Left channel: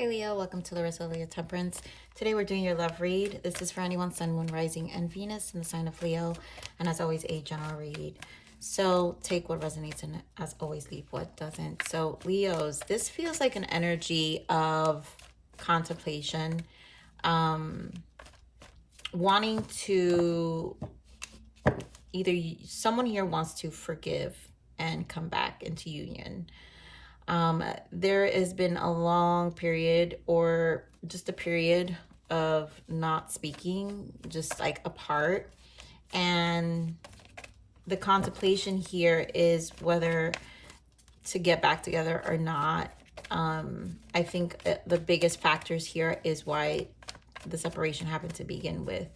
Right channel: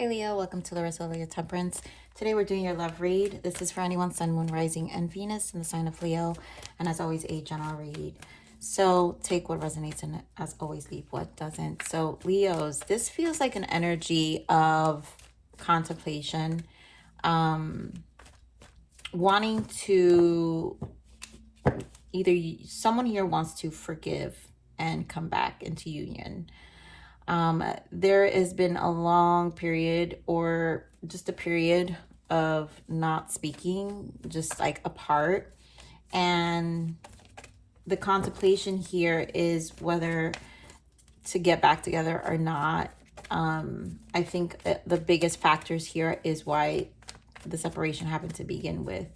Hey Leo, welcome to Larissa Leo Temperance. Today we're doing your love read. This is for anyone Sun, Moon, Rising, and Venus in the sign of Leo. And as always, a general read. So take what resonates and as always leave what doesn't. So Leos, this feels like an energy of contemplation. Wanting to, someone here wants to forgive and come back into union. There has been a long period or just a period of not speaking, just like apart. And the contemplation here is whether to get back together or not. I think the biggest factors here is why the separation happened to begin with.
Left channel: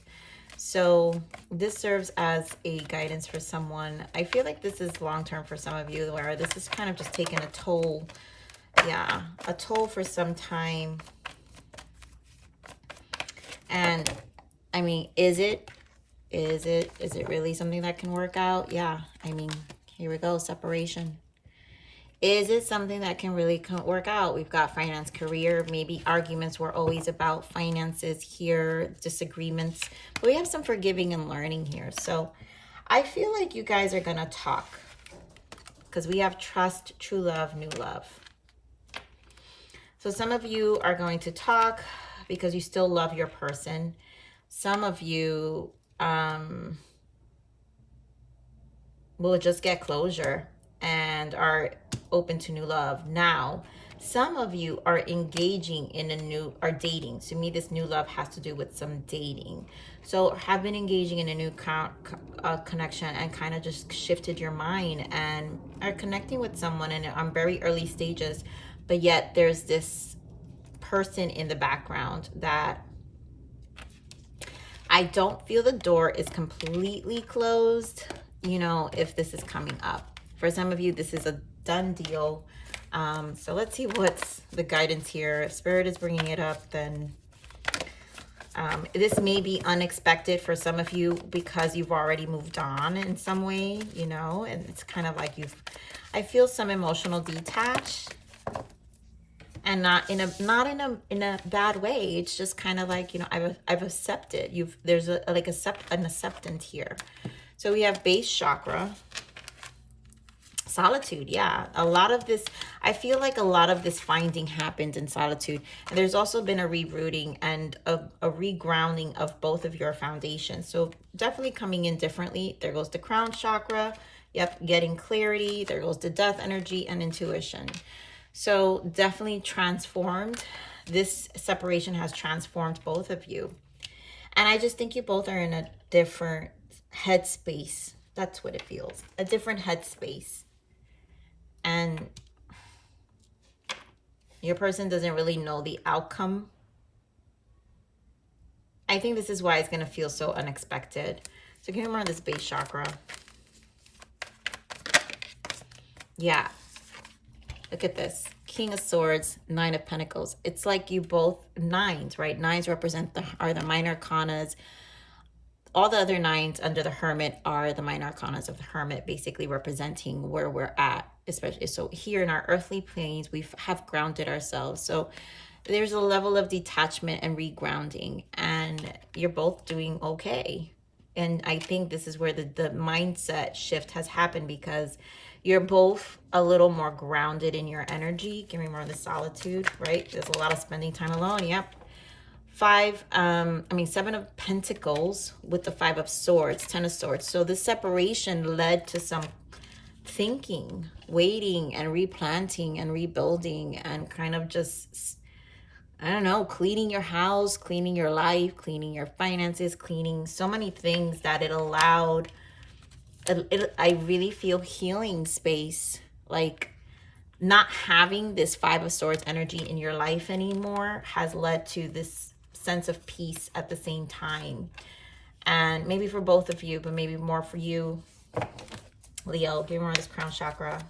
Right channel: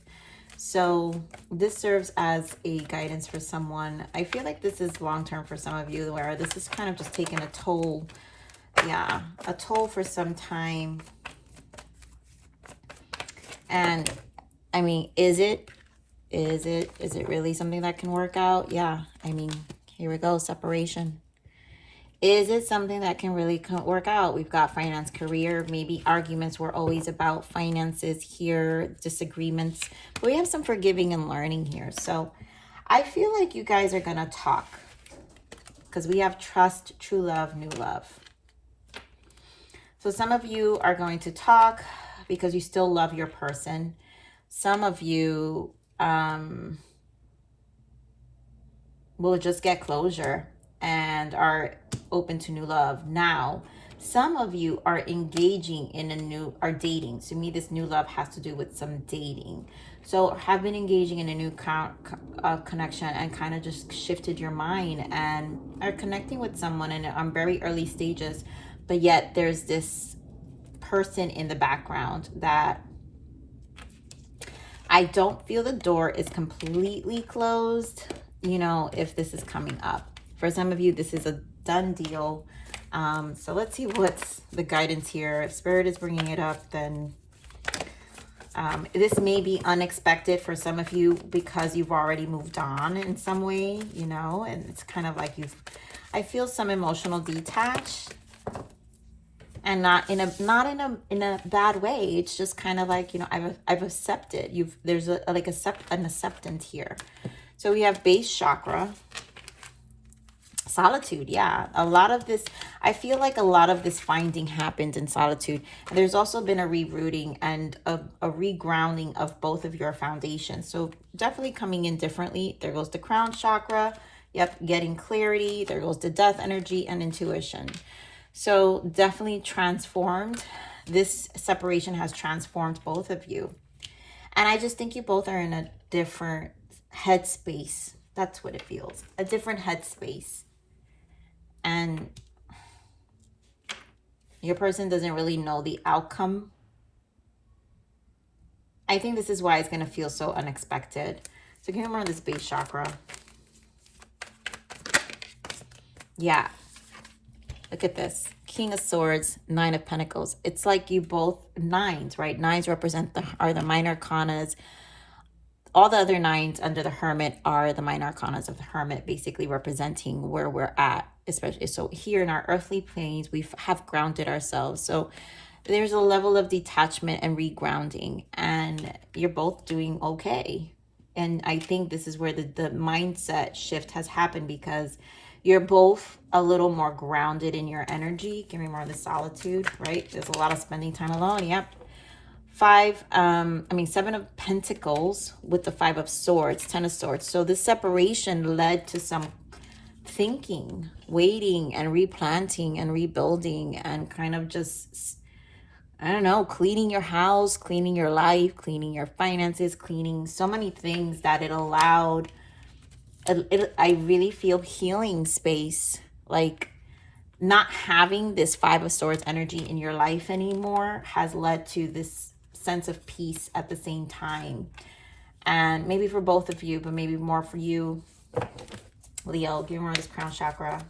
So this serves as a guidance for someone. I feel like this is long-term for some of you, where this is kind of just taking a toll. Yeah, a toll for some time. And I mean, is it really something that can work out? Yeah, I mean, here we go, separation. Is it something that can really work out? We've got finance, career, maybe arguments were always about finances here, disagreements. But we have some forgiving and learning here. So I feel like you guys are going to talk because we have trust, true love, new love. So some of you are going to talk because you still love your person. Some of you will just get closure and are open to new love now. Some of you are engaging in are dating. To me, this new love has to do with some dating. So have been engaging in a new connection and kind of just shifted your mind and are connecting with someone and on very early stages, but yet there's this person in the background that I don't feel the door is completely closed, you know, if this is coming up. For some of you, this is a done deal. So let's see what's the guidance here. If Spirit is bringing it up, then this may be unexpected for some of you because you've already moved on in some way, you know, and it's kind of like I feel some emotional detach. And not in a bad way. It's just kind of like, you know, I've accepted. There's an acceptance here. So we have base chakra, solitude. Yeah, a lot of this, I feel like a lot of this finding happened in solitude. And there's also been a rerouting and a regrounding of both of your foundations. So definitely coming in differently. There goes the crown chakra. Yep, getting clarity. There goes the death energy and intuition. So definitely transformed. This separation has transformed both of you. And I just think you both are in a different headspace. That's what it feels. A different headspace. And your person doesn't really know the outcome. I think this is why it's going to feel so unexpected. So can you remember this base chakra? Yeah. Look at this. King of Swords, Nine of Pentacles. It's like you both, nines, right? Nines represent are the minor arcanas. All the other nines under the Hermit are the minor arcanas of the Hermit, basically representing where we're at. Especially, so here in our earthly planes, we have grounded ourselves. So there's a level of detachment and regrounding, and you're both doing okay. And I think this is where the mindset shift has happened, because you're both a little more grounded in your energy. Give me more of the solitude, right? There's a lot of spending time alone. Yep. Seven of Pentacles with the Five of Swords, Ten of Swords. So this separation led to some thinking, waiting and replanting and rebuilding and kind of just, I don't know, cleaning your house, cleaning your life, cleaning your finances, cleaning so many things that it allowed. I really feel healing space, like not having this Five of Swords energy in your life anymore has led to this sense of peace at the same time. And maybe for both of you, but maybe more for you, Leo. Give me more of this crown chakra.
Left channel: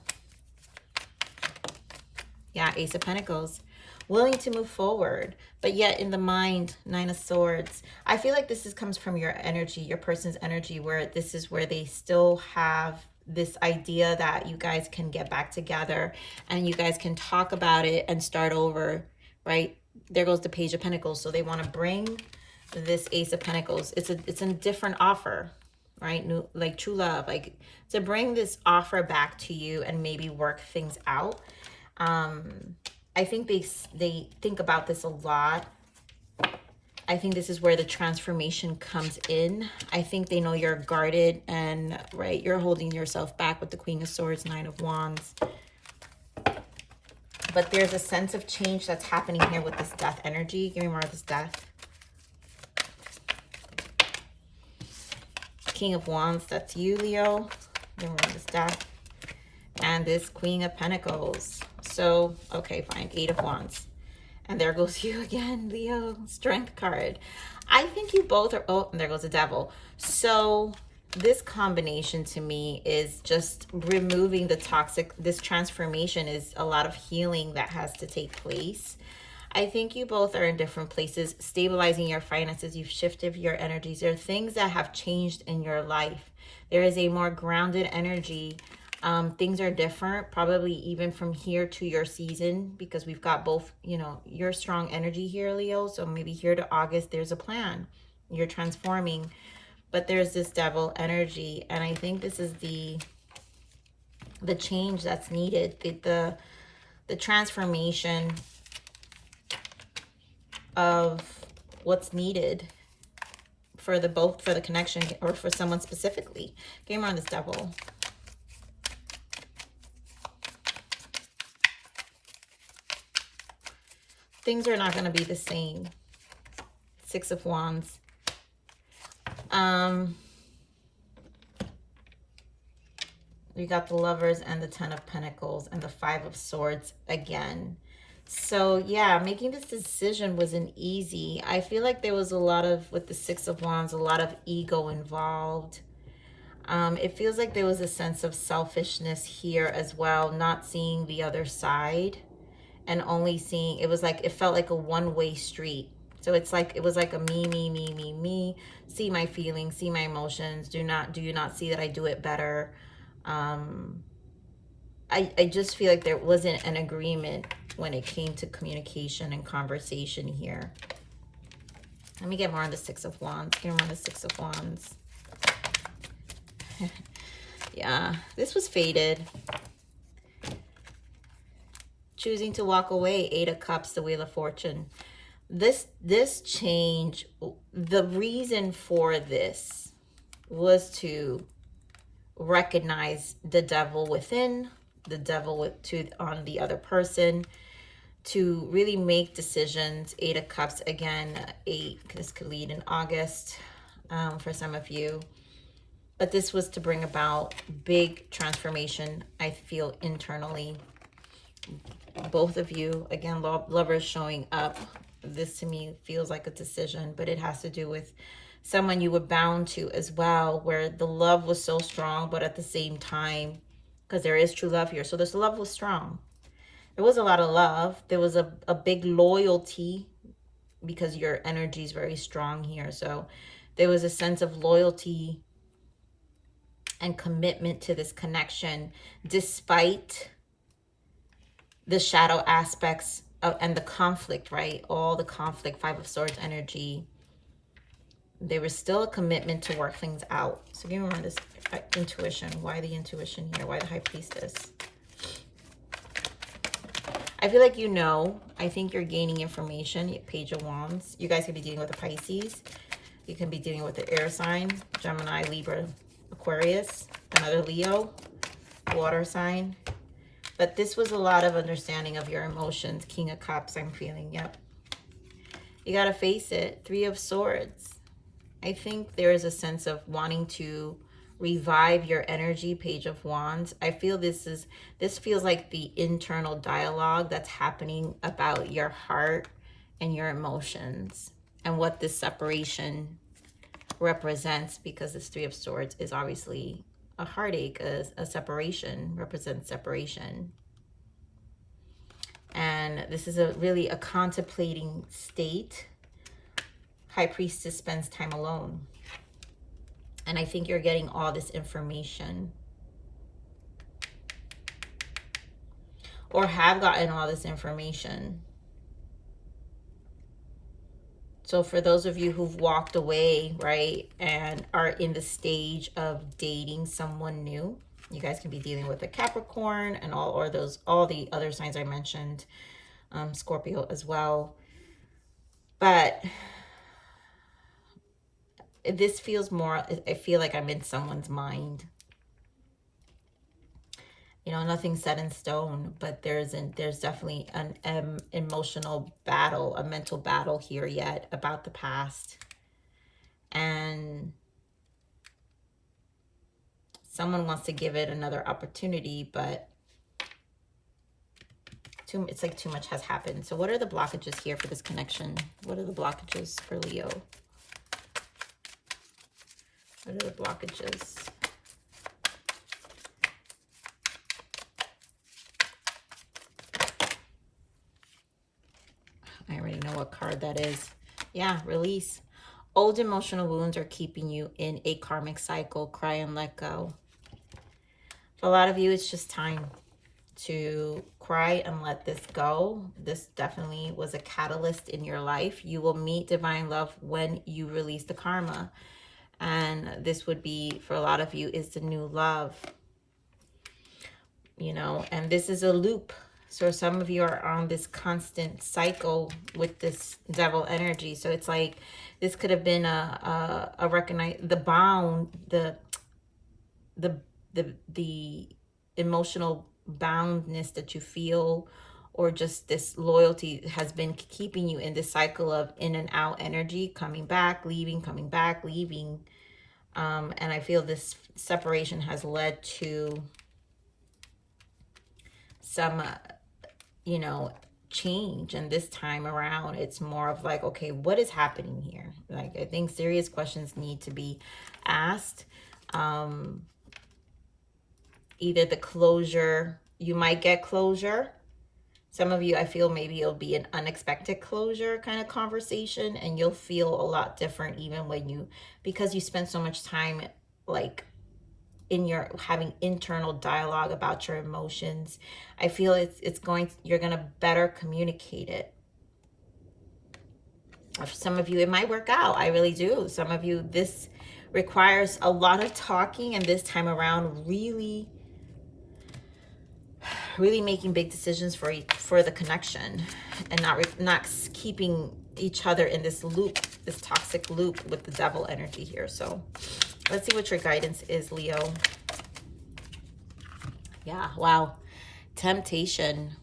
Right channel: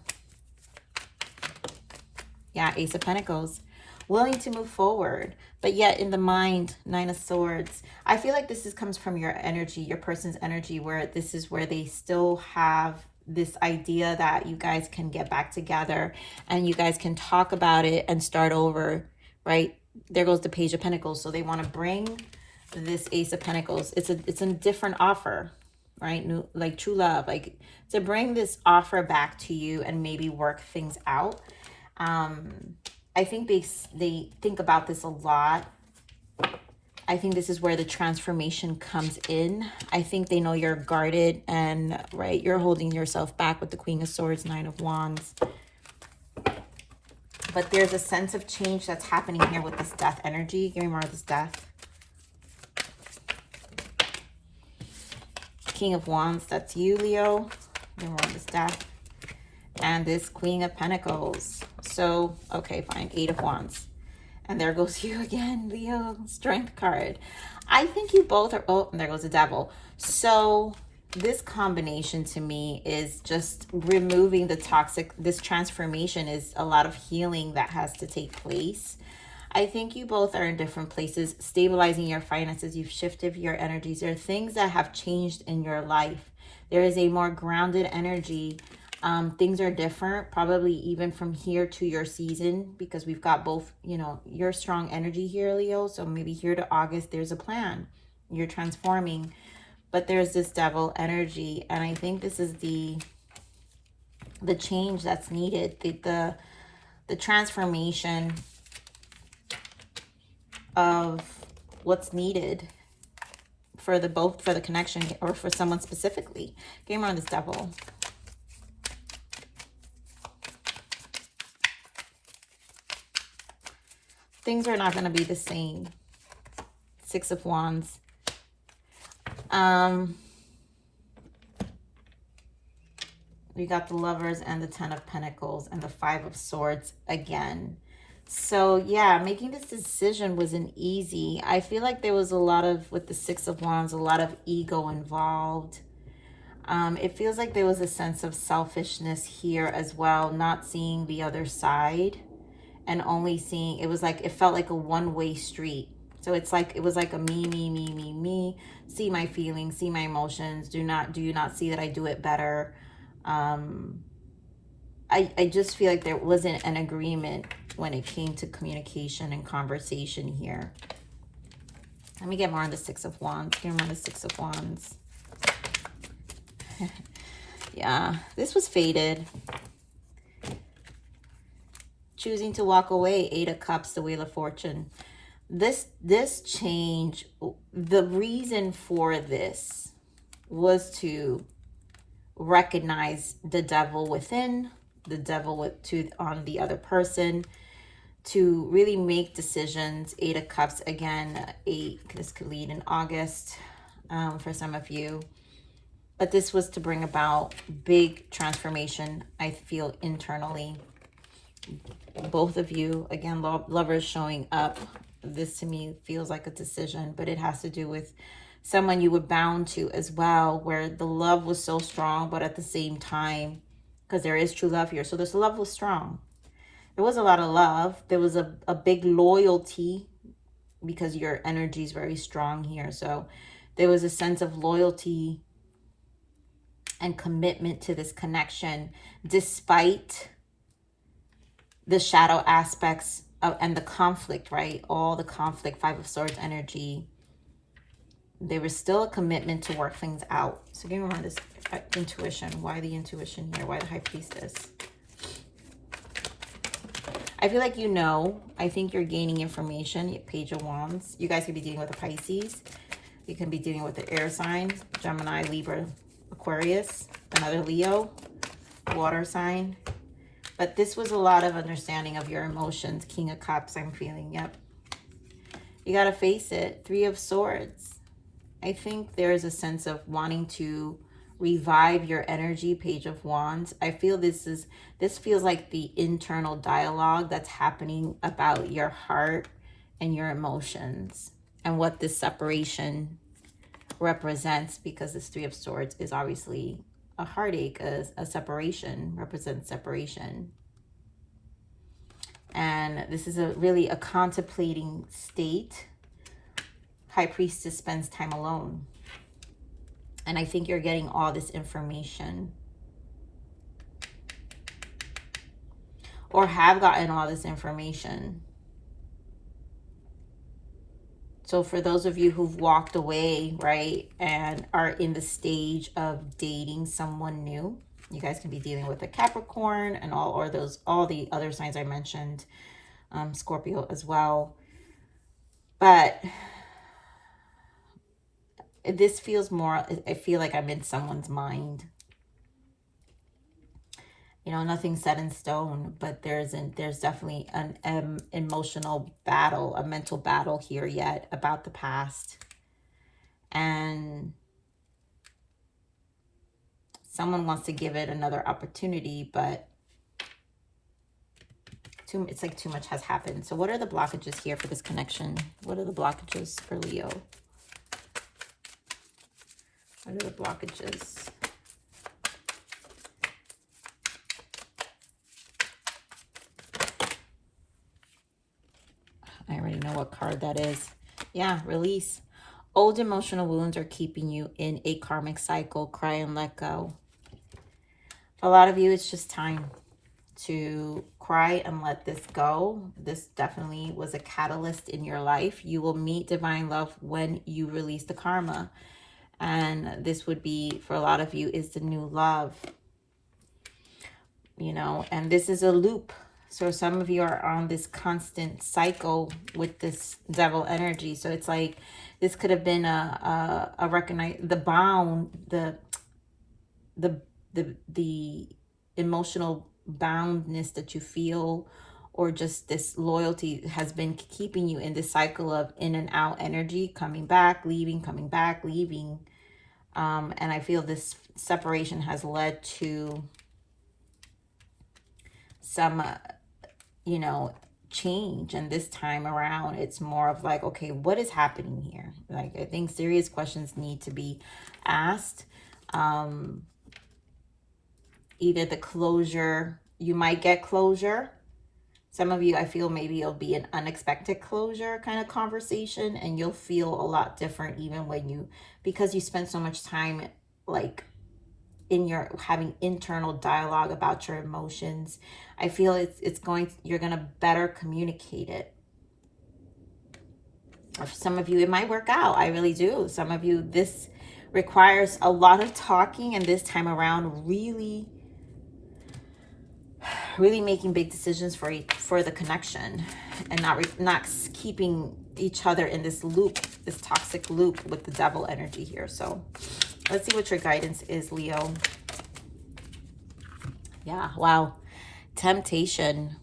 Yeah, Ace of Pentacles. Willing to move forward, but yet in the mind, Nine of Swords. I feel like this comes from your energy, your person's energy, where this is where they still have this idea that you guys can get back together and you guys can talk about it and start over, right? there goes the Page of Pentacles. So they want to bring this Ace of Pentacles. It's a different offer, right? New, like true love, like to bring this offer back to you and maybe work things out. I think they think about this a lot. I think this is where the transformation comes in. I think they know you're guarded and, right, you're holding yourself back with the Queen of Swords, Nine of Wands. But there's a sense of change that's happening here with this death energy. Give me more of this death. King of Wands, that's you, Leo. Give me more of this death. And this Queen of Pentacles. So, okay, fine. Eight of Wands. And there goes you again, Leo. Strength card. I think you both are... Oh, and there goes the Devil. So this combination to me is just removing the toxic... This transformation is a lot of healing that has to take place. I think you both are in different places, stabilizing your finances. You've shifted your energies. There are things that have changed in your life. There is a more grounded energy. Things are different, probably even from here to your season, because we've got both, you know, your strong energy here, Leo. So maybe here to August, there's a plan. You're transforming, but there's this Devil energy. And I think this is the change that's needed, the transformation of what's needed for the for the connection or for someone specifically. Give me more on this Devil. Things are not going to be the same. Six of Wands. We got the Lovers and the Ten of Pentacles and the Five of Swords again. So yeah, making this decision wasn't easy. I feel like there was a lot of, with the Six of Wands, a lot of ego involved. It feels like there was a sense of selfishness here as well, not seeing the other side. And only seeing, it was like, it felt like a one-way street. So it's like, it was like a me. See my feelings, see my emotions. Do you not see that I do it better? I just feel like there wasn't an agreement when it came to communication and conversation here. Let me get more on the Six of Wands. Get more on the Six of Wands. Yeah, this was fated. Choosing to walk away, Eight of Cups, the Wheel of Fortune. This change, the reason for this was to recognize the devil within, the devil on the other person, to really make decisions. Eight of Cups, again, this could lead in August for some of you. But this was to bring about big transformation, I feel, internally. Both of you, again, Lovers showing up. This to me feels like a decision, but it has to do with someone you were bound to as well, where the love was so strong, but at the same time, because there is true love here. So this love was strong. There was a lot of love. There was a big loyalty, because your energy is very strong here. So there was a sense of loyalty and commitment to this connection, despite the shadow aspects of, and the conflict, right? All the conflict, Five of Swords energy. There was still a commitment to work things out. So give me more of this intuition. Why the intuition here? Why the High Priestess? I feel like, you know, I think you're gaining information. Page of Wands. You guys could be dealing with a Pisces. You can be dealing with the air sign, Gemini, Libra, Aquarius, another Leo, water sign. But this was a lot of understanding of your emotions. King of Cups, I'm feeling, yep. You got to face it. Three of Swords. I think there is a sense of wanting to revive your energy. Page of Wands. I feel this feels like the internal dialogue that's happening about your heart and your emotions and what this separation represents, because this Three of Swords is obviously a heartache, a separation, represents separation. And this is really a contemplating state. High Priestess spends time alone. And I think you're getting all this information, or have gotten all this information. So for those of you who've walked away, right, and are in the stage of dating someone new, you guys can be dealing with a Capricorn and all the other signs I mentioned, Scorpio as well. But this feels more, I feel like I'm in someone's mind. You know, nothing's set in stone, but there's definitely an emotional battle, a mental battle here yet about the past. And someone wants to give it another opportunity, but it's like too much has happened. So what are the blockages here for this connection? What are the blockages for Leo? What are the blockages? I already know what card that is. Yeah, release. Old emotional wounds are keeping you in a karmic cycle. Cry and let go. For a lot of you, it's just time to cry and let this go. This definitely was a catalyst in your life. You will meet divine love when you release the karma. And this would be, for a lot of you, is the new love. You know, and this is a loop. So some of you are on this constant cycle with this devil energy. So it's like this could have been a recognize the bound, the emotional boundness that you feel, or just this loyalty has been keeping you in this cycle of in and out energy, coming back, leaving, coming back, leaving. And I feel this separation has led to some you know, change. And this time around, it's more of like, okay, what is happening here? Like, I think serious questions need to be asked. Either the closure, you might get closure. Some of you, I feel maybe it'll be an unexpected closure kind of conversation, and you'll feel a lot different even when you, because you spend so much time like in your having internal dialogue about your emotions. I feel you're going to better communicate it. For some of you, it might work out. I really do. Some of you, this requires a lot of talking, and this time around, really making big decisions for the connection, and not keeping each other in this loop, this toxic loop with the devil energy here. So let's see what your guidance is, Leo. Yeah, wow. Temptation.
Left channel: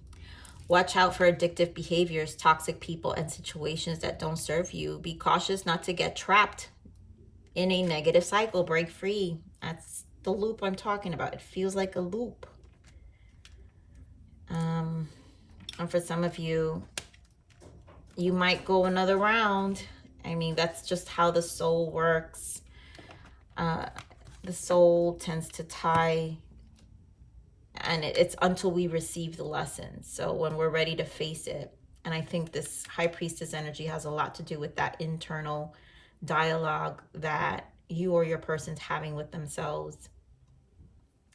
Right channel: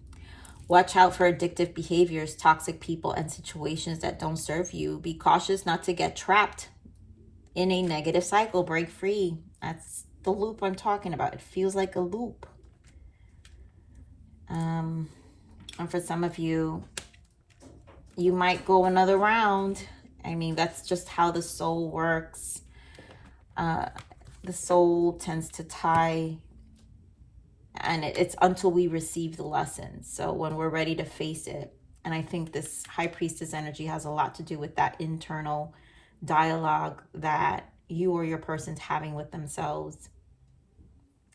Watch out for addictive behaviors, toxic people, and situations that don't serve you. Be cautious not to get trapped in a negative cycle. Break free. That's the loop I'm talking about. It feels like a loop. And for some of you, you might go another round. I mean, that's just how the soul works. The soul tends to tie, and it's until we receive the lesson. So when we're ready to face it, and I think this High Priestess energy has a lot to do with that internal dialogue that you or your person's having with themselves.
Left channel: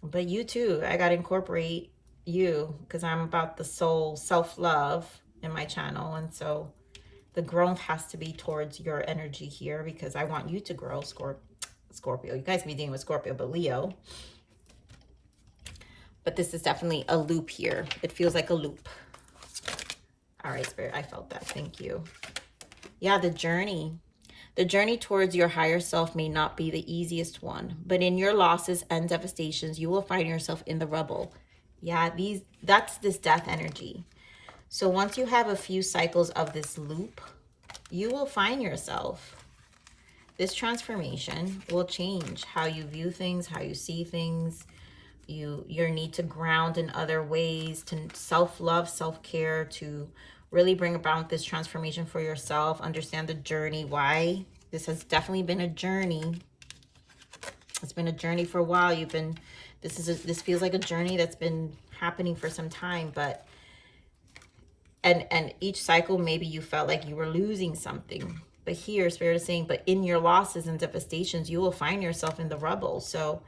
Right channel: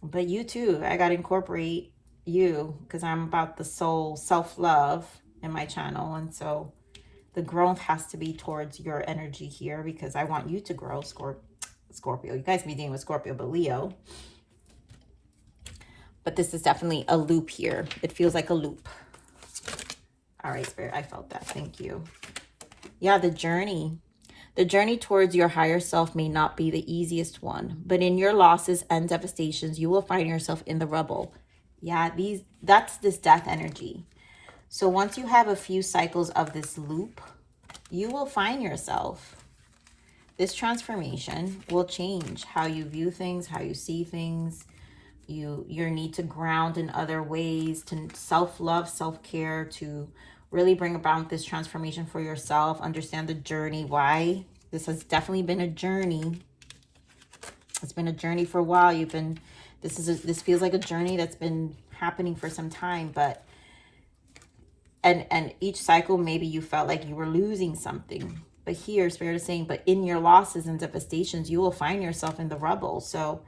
But you too, I got to incorporate you, because I'm about the soul self-love in my channel. And so the growth has to be towards your energy here, because I want you to grow, Scorpio. You guys can be dealing with Scorpio, but Leo. But this is definitely a loop here. It feels like a loop. All right, Spirit, I felt that. Thank you. Yeah, the journey. The journey towards your higher self may not be the easiest one, but in your losses and devastations, you will find yourself in the rubble. Yeah, that's this death energy. So once you have a few cycles of this loop, you will find yourself. This transformation will change how you view things, how you see things, your need to ground in other ways, to self-love, self-care, to really bring about this transformation for yourself. Understand the journey, why this has definitely been a journey. It's been a journey for a while. This feels like a journey that's been happening for some time, but and each cycle maybe you felt like you were losing something, but here Spirit is saying, but in your losses and devastations, you will find yourself in the rubble. So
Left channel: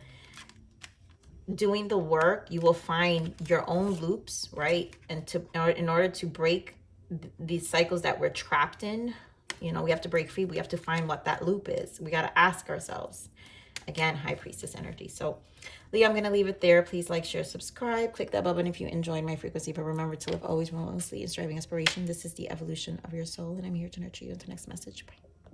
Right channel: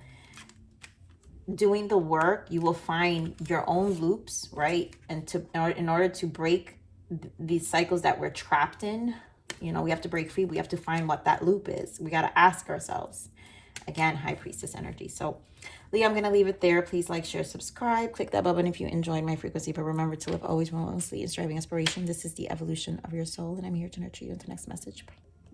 doing the work, you will find your own loops, right? And in order to break these cycles that we're trapped in, You know, we have to break free. We have to find what that loop is. We got to ask ourselves. Again, High Priestess energy. So, Leo, I'm going to leave it there. Please like, share, subscribe. Click that bell button if you enjoyed my frequency. But remember to live always relentlessly in striving inspiration. This is the evolution of your soul. And I'm here to nurture you. Until next message. Bye.